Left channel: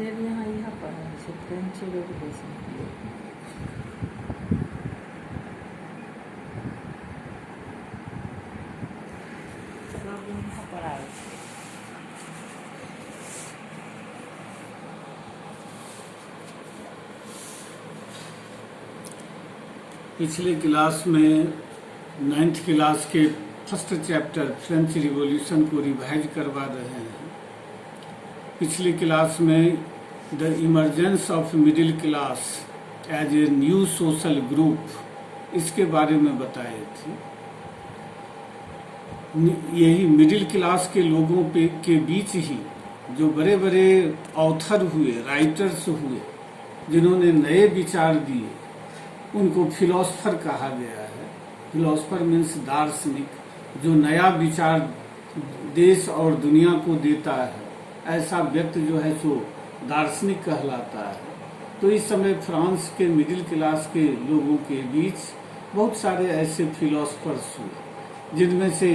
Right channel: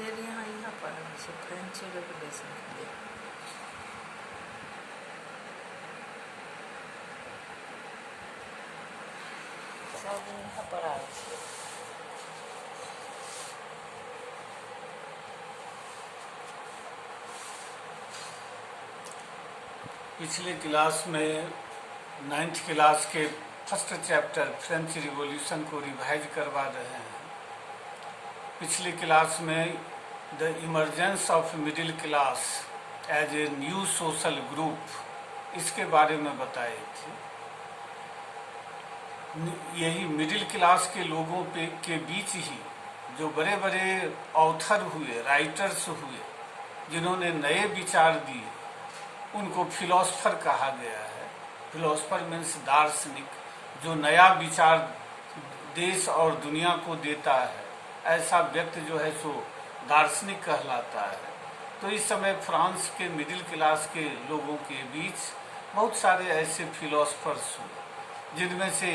Detail यहाँ पर है फ्रेंच रेगुलेशन के लिए। सब यहाँ पर आए थे। पिछले क्लास में 9th क्लास के फर्स्ट चैप्टर फ्रेंच रिवॉल्यूशन को रिवाइज करवा रहे हैं। पिछली क्लास में the emergence of middle class as a new social group इसके बारे में बताई थी। यही मिडिल क्लास के लोगों के बीच ही जो बड़े बड़े ऑथर हुए, राइटर्स हुए, जिन्होंने नए विचार दिए, उनको फिलोसफर कहा गया है। फिलोसफर मीन्स दार्शनिक, जो नया विचार देश और दुनिया को देता है, ऐसा व्यक्ति जो है सो दार्शनिक कहलाता है। तो इस समय फ्रांस के मिडिल क्लास के लोगों के बीच बहुत सारे ऐसे फिलोसफर्स हुए, जिनमें से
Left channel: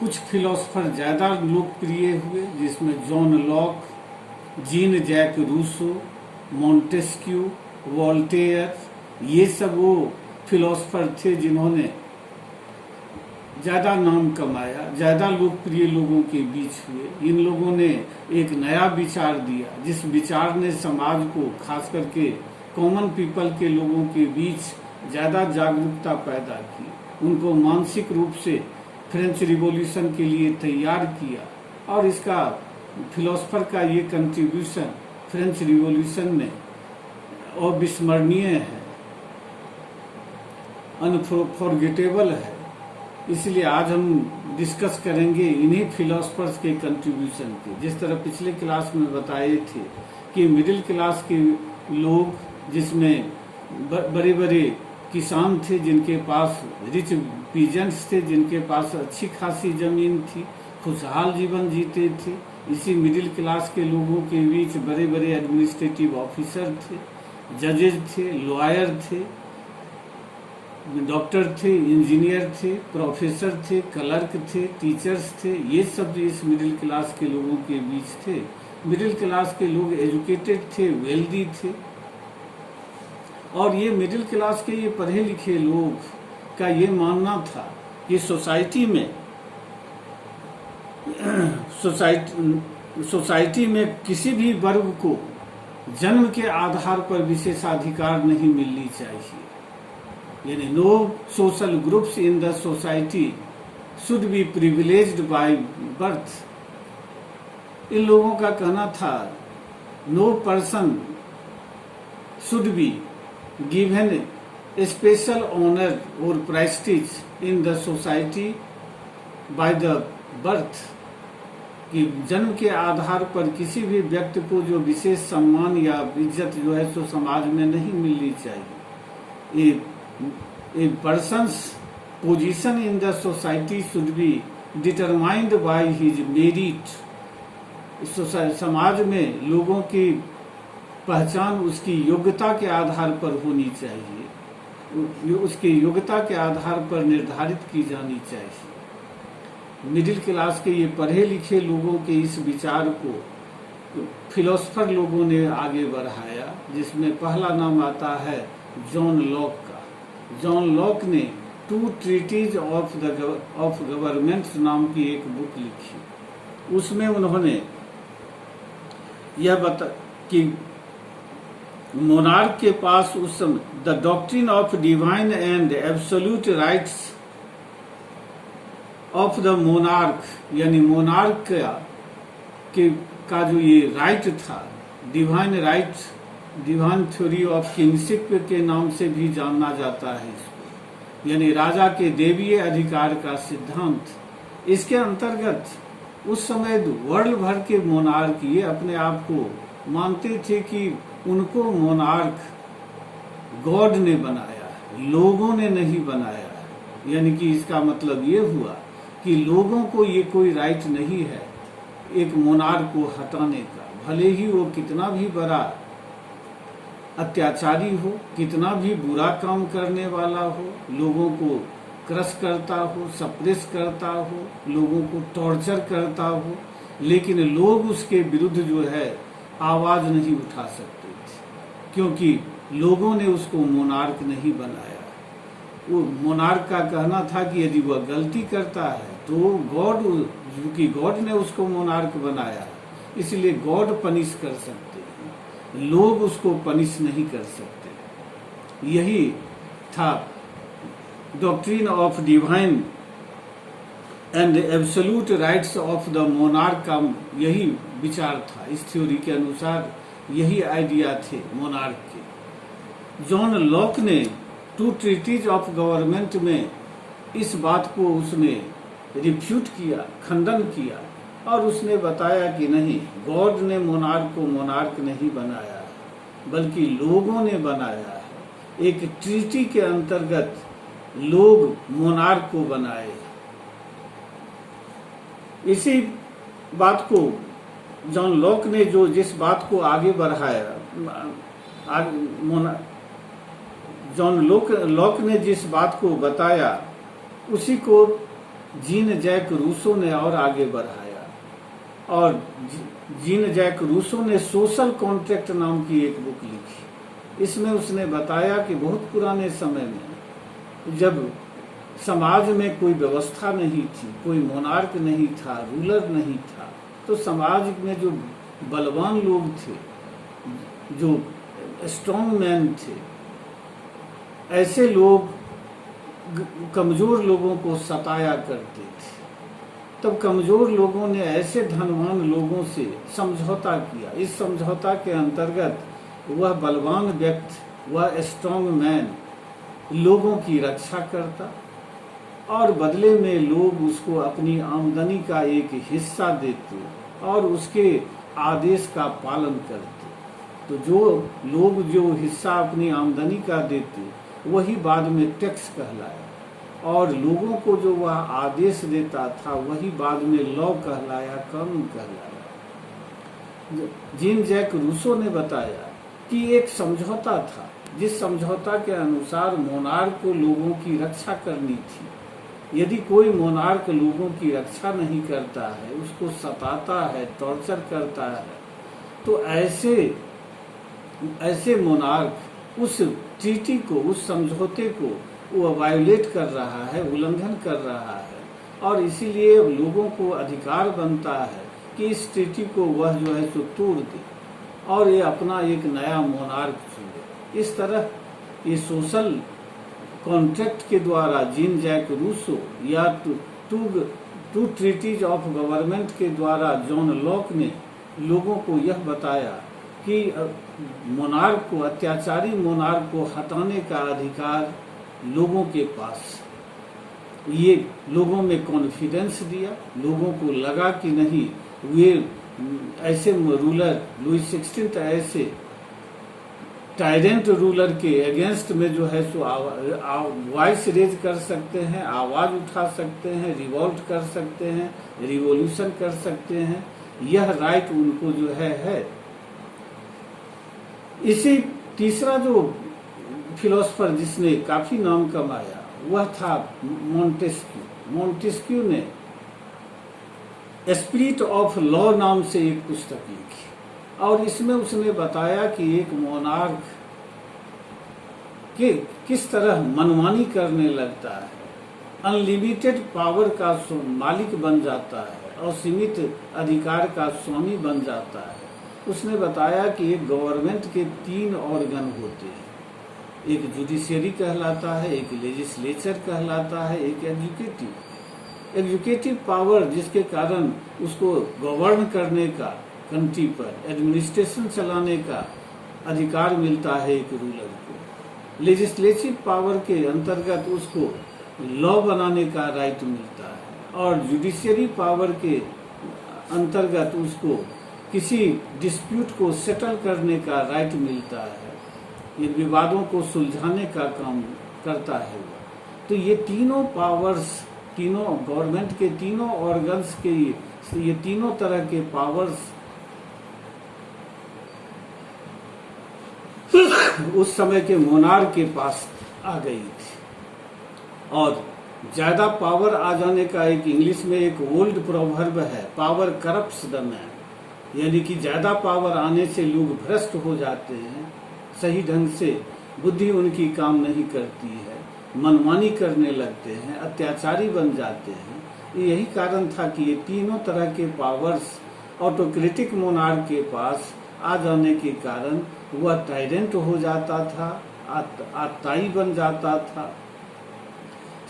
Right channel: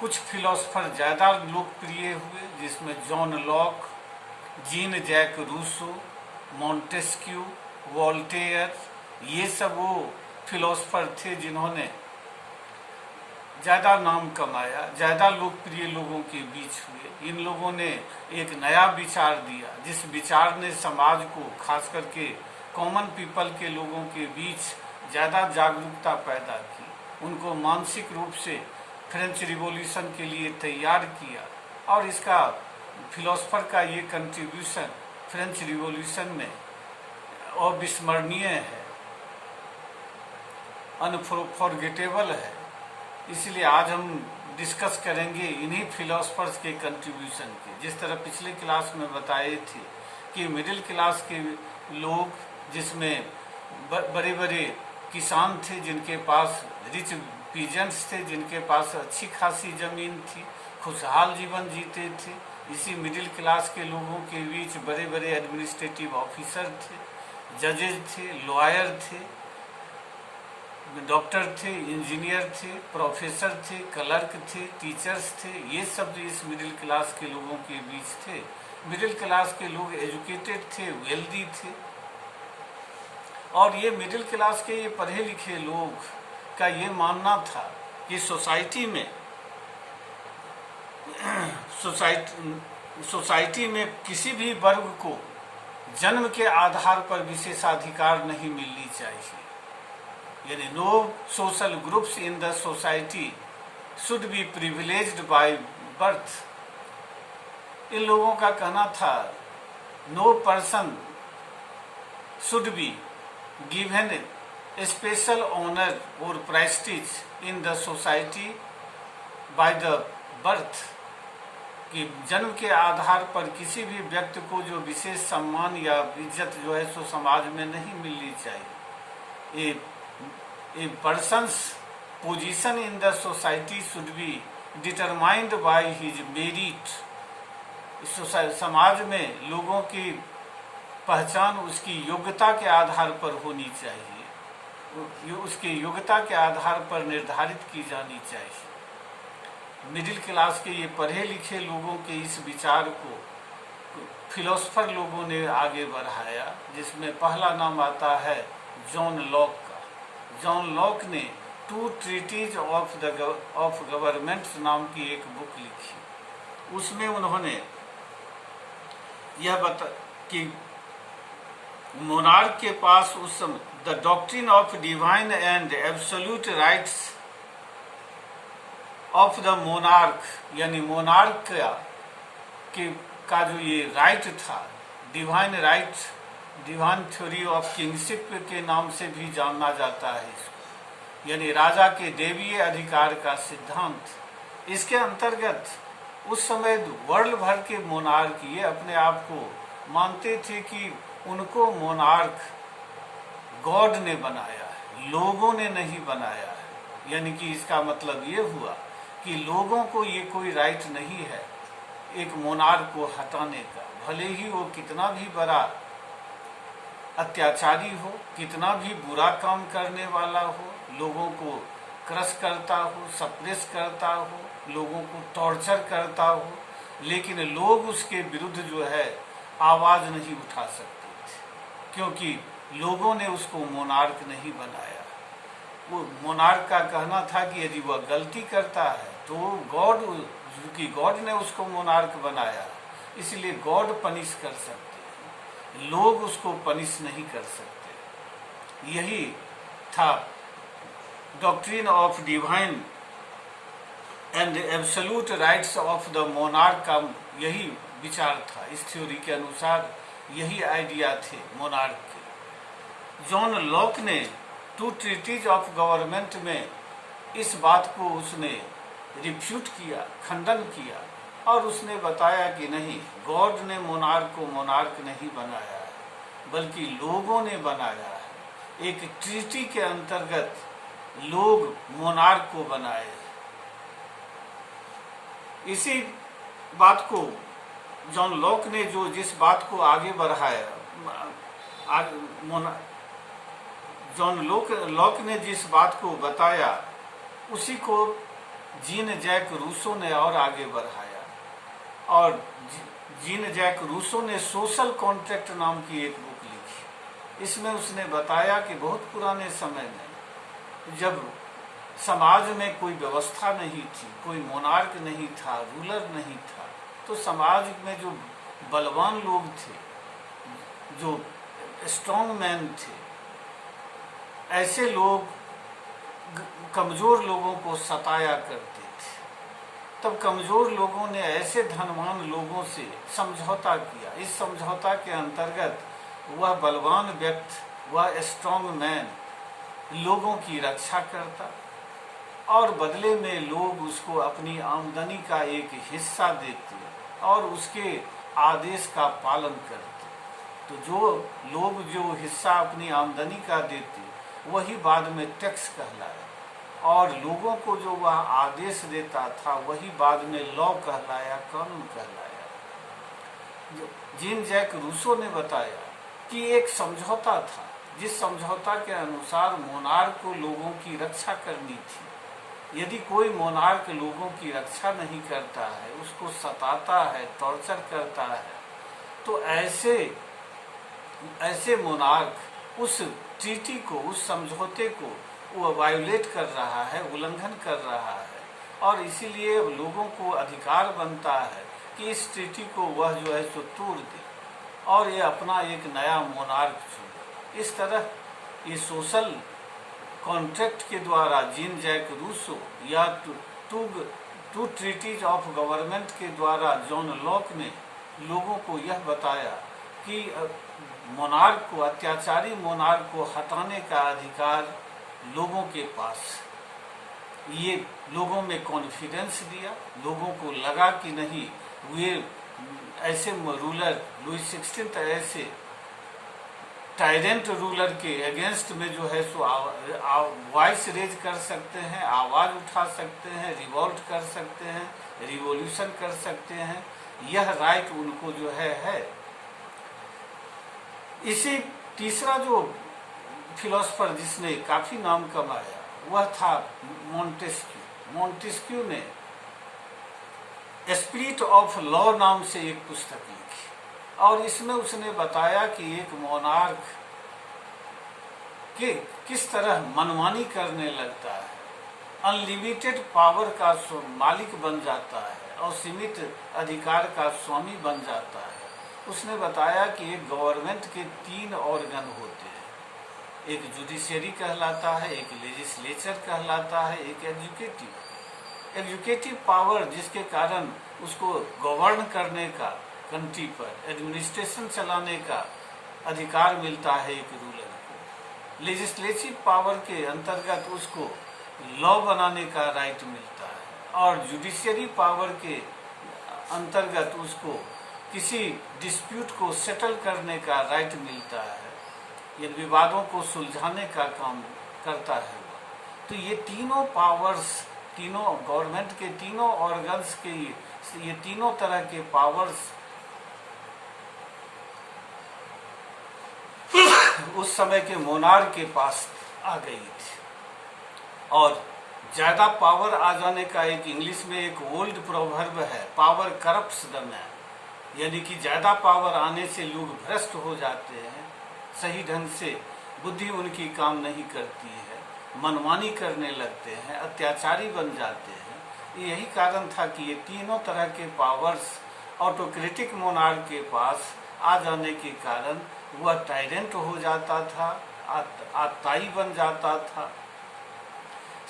कुछ फिलोसफर ज्यादा लोकप्रिय हुए, जिसमें John Locke, Jean Jacques Rousseau, Montesquieu, Voltaire, ये सब वो फिलोसफर थे जिन्होंने ज्यादा नाम कमाया, ज्यादा लोकप्रिय लोगों के बीच हुए। इन लोगों ने एक नया विचार दिया, जिस विचार ने समाज को, खास करके कॉमन पीपल के लोगों के बीच ज्यादा जागरूकता पैदा की, उनको मानसिक रूप से फ्रेंच रिवॉल्यूशन के लिए तैयार किया। और इसका फिलोसफर का ये कंट्रीब्यूशन फ्रेंच रिवॉल्यूशन में अविस्मरणीय है, अनफॉरगेटेबल है। इसलिए आज हम डिस्कस करेंगे इन्हीं फिलोसफर्स के कंट्रीब्यूशन के। जिस तरह पिछले क्लास में बताए थे कि मिडिल क्लास के लोग, जिसमें बड़े बड़े किसान थे, जिनके पास रिच पीजेंट्स थे, जिनके पास अच्छी खासी जमीन थी, खुशहाल जीवन जीते थे। इसी मिडिल क्लास के लोगों के बीच बड़े बड़े एडमिनिस्ट्रेटिव ऑफिसर थे, जजेज थे, लॉयर थे, डॉक्टर थे, इंजीनियर थे, प्रोफेसर थे, क्लर्क थे, टीचर्स थे। ये सब इस मिडिल क्लास के लोगों के बीच थे। मिडिल क्लास के लोग एजुकेटेड थे, वेल्दी थे, और ये मिडिल क्लास के ये पढ़े लिखे लोग का ये मानना था कि सोसाइटी में किसी भी वर्ग को जन्म के आधार पर विशेषाधिकार नहीं मिलनी चाहिए। यानी no social groups in the society should be privileged by birth. इन लोगों का कहना था no person should be given a special honour और prestige in the society by the birth, कि जन्म के आधार पर किसी भी व्यक्ति को जो विशेष सम्मान या इज्जत जो है सो समाज में नहीं मिलनी चाहिए। A person's position in the society should be determined by his merit। समाज में लोगों की पहचान उसकी योग्यता के आधार पर होनी चाहिए, उसकी योग्यता के आधार पर निर्धारित की जानी चाहिए। मिडिल क्लास के ये पढ़े लिखे लोगों के इस विचार को फिलोसफर लोगों ने आगे बढ़ाया, जिसमें पहला नाम आता है जॉन लॉक का। जॉन लॉक ने 2 ट्रीटीज ऑफ गवर्नमेंट्स नाम की एक बुक लिखी। उसमें उन्होंने यह बता कि मोनार्क के पास उस समय the doctrine of divine and absolute rights of the monarch, यानी मोनार्क का जो ये राइट था, divine right, divine theory of kingship के नाम से भी जाना जाता है इसको, यानी राजा के देवीय अधिकार का सिद्धांत। इसके अंतर्गत उस समय वर्ल्ड भर के मोनार्क ये अपने आप को मानते थे कि उनको मोनार्क गॉड ने बनाया है, लोगों ने नहीं बनाया है। यानी कि इसका मतलब ये हुआ कि लोगों को ये कोई राइट नहीं है एक मोनार्क को हटाने का, भले ही वो कितना भी बड़ा अत्याचारी हो, कितना भी बुरा काम करने वाला हो, लोगों को क्रश करता हो, सप्रेस करता हो, लोगों को टॉर्चर करता हो, लेकिन लोग उसके विरुद्ध जो है आवाज नहीं उठा सकते थे, क्योंकि लोगों ने उसको मोनार्क नहीं बनाया। वो मोनार्क का कहना था कि यदि वह गलती करता है तो गॉड, क्योंकि गॉड ने उसको मोनार्क बनाया, इसलिए गॉड पनिश कर सकते हैं, लोग उसको पनिश नहीं कर सकते। यही था doctrine of divine and absolute rights of the monarch का यही विचार था। इस थ्योरी के अनुसार यही आइडिया थे मोनार्क के। जॉन लॉक ने टू ट्रीटीज ऑफ गवर्नमेंट में इस बात को उसने रिफ्यूट किया, खंडन किया, और उसने बताया कि नहीं, गॉड ने मोनार्क को मोनार्क नहीं बनाया है, बल्कि लोगों ने बनाया है। एक ट्रीटी के अंतर्गत लोग मोनार्क को बनाए। इसी बात को जॉन लॉक ने जिस बात को आगे बढ़ाया, जॉन लॉक ने जिस बात को बताया, उसी को जीन जैक रूसो ने और आगे बढ़ाया। और जीन जैक रूसो ने सोशल कॉन्ट्रैक्ट नाम की एक बुक लिखी। इसमें उसने बताया कि बहुत पुराने समय में जब समाज में कोई व्यवस्था नहीं थी, कोई मोनार्क नहीं था, रूलर नहीं था, तो समाज में जो बलवान लोग थे, जो स्ट्रॉन्ग मैन थे, ऐसे लोग कमजोर लोगों को सताया करते थे। तब कमजोर लोगों ने ऐसे धनवान लोगों से समझौता किया। इस समझौता के अंतर्गत वह बलवान व्यक्ति, वह स्ट्रॉन्ग मैन लोगों की रक्षा करता और बदले में लोग उसको अपनी आमदनी का एक हिस्सा देते और उसके आदेश का पालन करते। तो जो लोग जो हिस्सा अपनी आमदनी का देते वही बाद में टैक्स कहलाया, और लोगों को जो वह आदेश देता था वही बाद में लॉ कहलाया, कानून कहलाया। जीन जैक रूसो ने बताया कि एक समझौता था, जिस समझौता के अनुसार मोनार्क को लोगों की रक्षा करनी थी। यदि कोई मोनार्क लोगों की रक्षा नहीं करता है, उसको सताता है, टॉर्चर करता है, तो ऐसे मोनार्क उस ट्रीटी को, उस समझौते को वो वायोलेट कर रहा है, उल्लंघन कर रहा है, और इसीलिए लोगों को अधिकार बनता है कि इस ट्रीटी को वह जो है तो तोड़ दे और ये अपना एक नया मोनार्क चुने। इस तरह ये सोशल कॉन्ट्रैक्ट के द्वारा जीन जैक रूसो या टू ट्रीटीज ऑफ गवर्नमेंट के द्वारा जॉन लॉक ने लोगों को यह बताया कि मोनार्क को, अत्याचारी मोनार्क को हटाने का अधिकार लोगों के पास। ये लोगों में कॉन्फिडेंस दिया, लोगों को लगा कि नहीं, वे ऐसे रूलर, लुई 16 ऐसे टायरेंट रूलर के अगेंस्ट में जो है सो वॉइस रेज कर सकते हैं, आवाज उठा सकते हैं, रिवोल्ट कर सकते हैं, रिवॉल्यूशन कर सकते हैं। यह राइट उनको जो है। इसी तीसरा जो फिलोसफर जिसने काफी नाम कमाया वह था मोंटेस्क्यू। मोंटेस्क्यू ने स्पिरिट ऑफ लॉ नाम से एक पुस्तक लिखी और इसमें उसने बताया कि एक मोनार्क के किस तरह मनमानी करने लगता है, अनलिमिटेड पावर का मालिक बन जाता है और सीमित अधिकार का स्वामी बन जाता है। उसने बताया कि एक गवर्नमेंट के 3 ऑर्गन होते हैं, एक जुडिशियरी कहलाता है, एक लेजिस्लेचर कहलाता है, एक एग्जीक्यूटिव पावर, जिसके कारण उसको गवर्न करने का, कंट्री पर एडमिनिस्ट्रेशन चलाने का अधिकार मिलता है एक रूलर को। लेजिस्लेटिव पावर के अंतर्गत उसको लॉ बनाने का राइट मिलता है और जुडिशियरी पावर के अंतर्गत उसको किसी डिस्प्यूट को सेटल करने का राइट मिलता है, ये विवादों को सुलझाने का काम करता है वह। तो ये तीनों पावर्स, तीनों गवर्नमेंट के तीनों ऑर्गन्स के ये तीनों तरह के पावर्स उस समय के मोनार्क के पास आ गई थी। और ज्यादा पावर आ जाने का एक इंग्लिश में एक ओल्ड प्रोवर्ब है, पावर करप्ट्स द मैन। यानी कि ज्यादा पावर आने से लोग भ्रष्ट हो जाते हैं, सही ढंग से बुद्धि उनकी काम नहीं करती है, मनमानी करने लगते हैं, अत्याचारी बन जाते हैं। यही कारण था कि ये तीनों तरह के पावर्स ऑटोक्रेटिक मोनार्क के पास आ जाने के कारण वह टायरेंट हो जाता था, आताई बन जाता था,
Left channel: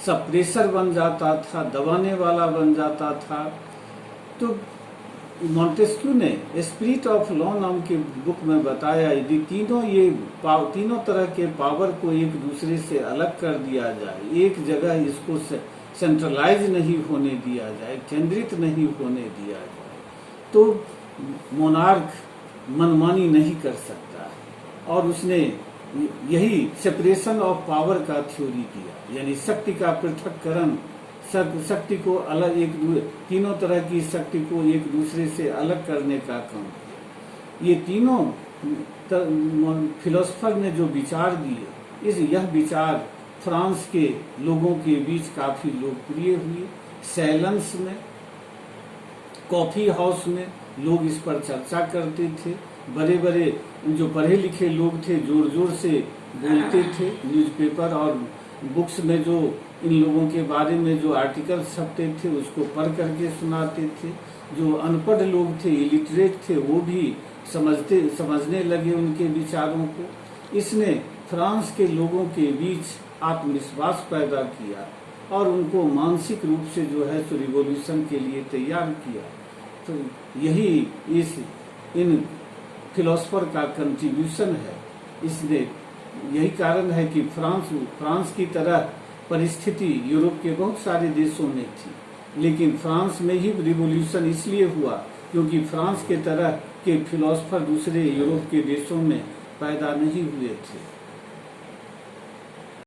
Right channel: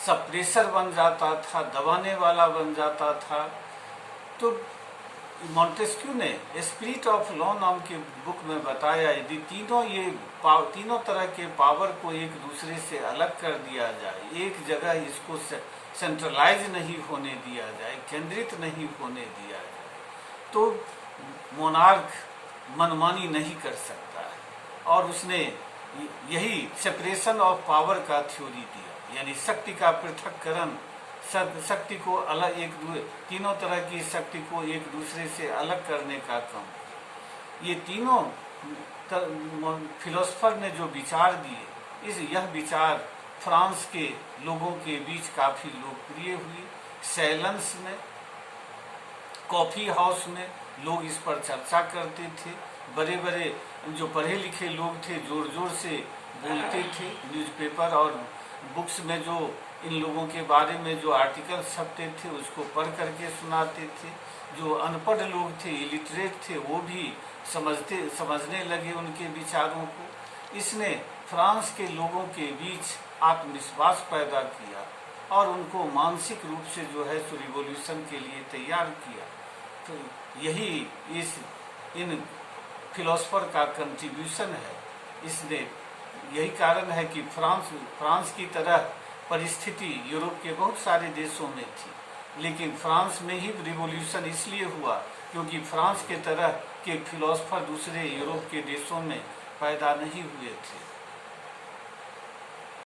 सप्रेसर बन जाता था, दबाने वाला बन जाता था। तो मॉन्टेस्क्यू ने स्पिरिट ऑफ लॉ नाम के बुक में बताया, यदि तीनों तरह के पावर को एक दूसरे से अलग कर दिया जाए, एक जगह इसको सेंट्रलाइज नहीं होने दिया जाए, केंद्रित नहीं होने दिया जाए, तो मोनार्क मनमानी नहीं कर सकता है। और उसने यही सेपरेशन ऑफ पावर का थ्योरी दिया, यानी शक्ति का पृथक्करण, शक्ति को अलग, तीनों तरह की शक्ति को एक दूसरे से अलग करने का काम। ये तीनों फिलोसफर ने जो विचार दिए, यह विचार फ्रांस के लोगों के बीच काफी लोकप्रिय हुए। सैलेंस में, कॉफी हाउस में लोग इस पर चर्चा करते थे। बड़े बड़े जो पढ़े लिखे लोग थे जोर जोर से बोलते थे। न्यूज़पेपर और बुक्स में जो इन लोगों के बारे में जो आर्टिकल छपते थे उसको पढ़ करके सुनाते थे। जो अनपढ़ लोग थे, इलिटरेट थे, वो भी समझने लगे उनके विचारों को। इसने फ्रांस के लोगों के बीच आत्मविश्वास पैदा किया और उनको मानसिक रूप से जो है सो रिवॉल्यूशन के लिए तैयार किया। तो यही इन फिलोसफर का कंट्रीब्यूशन है। इसलिए यही कारण है कि फ्रांस की तरह परिस्थिति यूरोप के बहुत सारे देशों में थी, लेकिन फ्रांस में ही रिवॉल्यूशन इसलिए हुआ क्योंकि फ्रांस के तरह के फिलोसफर दूसरे यूरोप के देशों में पैदा नहीं हुए थे।